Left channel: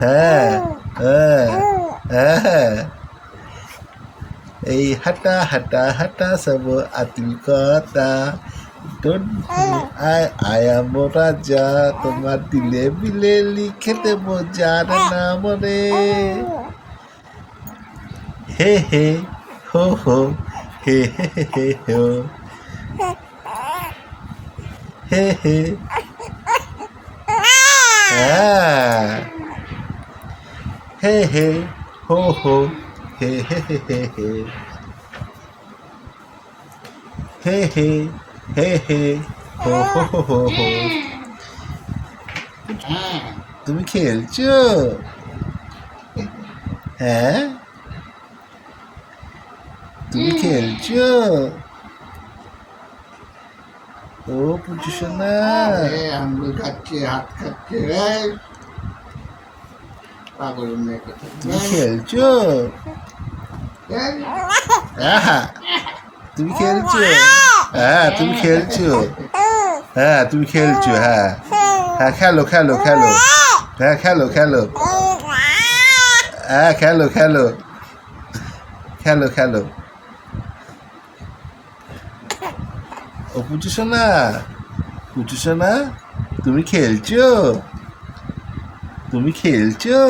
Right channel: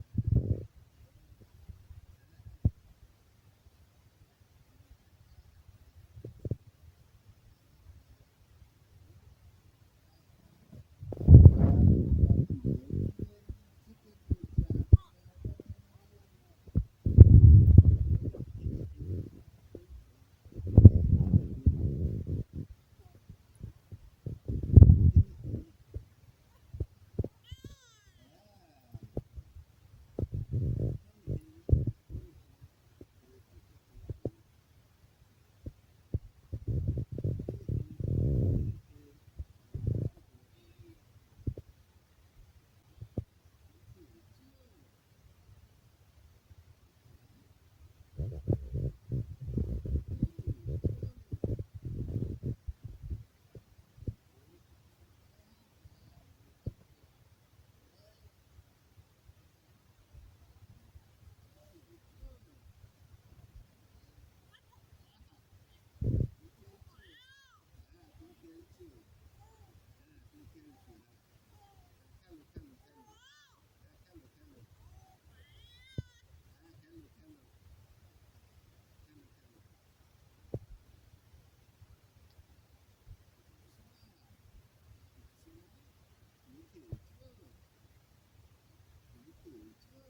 হ্যাঁ হ্যাঁ হ্যাঁ। এই হাঁটা হাঁটা হাঁটা সব আতিল কথা। আয়া মোরা যা তোমার দিলে বিলে লিখে দেব যার নাম রে। হে হে, হো হো, হে হে হে হে, হো। হে হে। হ্যাঁ। হে হে, হো হো, হে হে হে হে হে। হে হে হে হে, হো হো হো হো। হো তুমি খেলছো? হ্যাঁ? তুমি খেলছো? ও পুচু সোনা। আঙ্গুল খাচ্ছে হাত খাচ্ছে তুমি খেলছো? এই, তুমি খেলছো? হ্যাঁ তুমি খেলছো? হ্যাঁ তুমি খেলছো হ্যাঁ। হ্যাঁ খেলো খেলো খেলো। হ্যাঁ খেলো খেলো। হ্যাঁ খেলো খেলো। খেলো খেলো। ও পুচু সোনা পুচু সোনা তুমি খেলছো? তুমি খেলছো?